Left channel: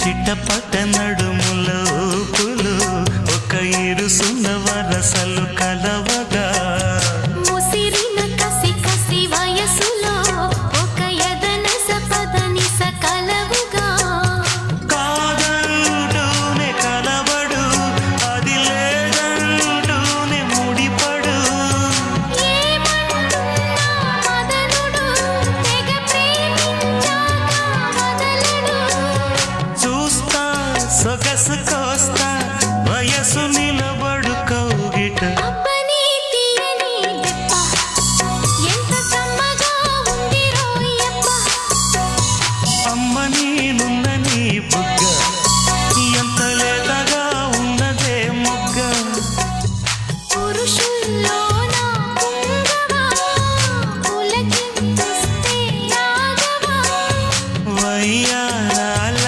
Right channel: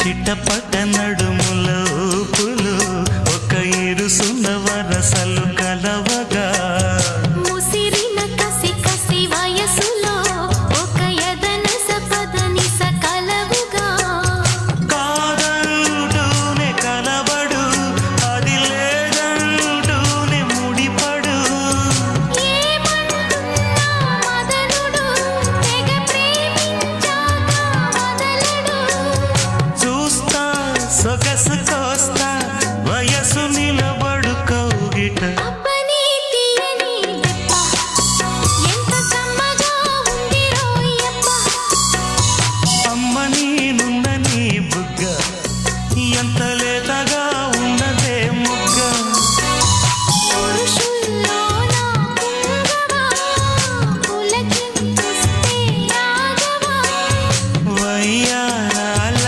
చిట్టపట నడుముల ఊపులు ఒక ఇరుసున్న వరసలు కలవగా ముసిరిన కసి కసి వయసులో ఒక యదన సపదని సకలవుగా కాదంటూనే కలబడు అది లేదంటూనే ముడిపడు ఏమంటున్నా మదనుడు తెగ ప్రేమించాక వదలడు చూస్తా సొగసు కోస్తా వయసు నిలబడు కౌగిట అబ్బని తీయని దెబ్బ ఎంత కమ్మగా ఉంది రోయప్ప అమ్మ నేనున్న నీ బుగ్గ ఎంత లేదా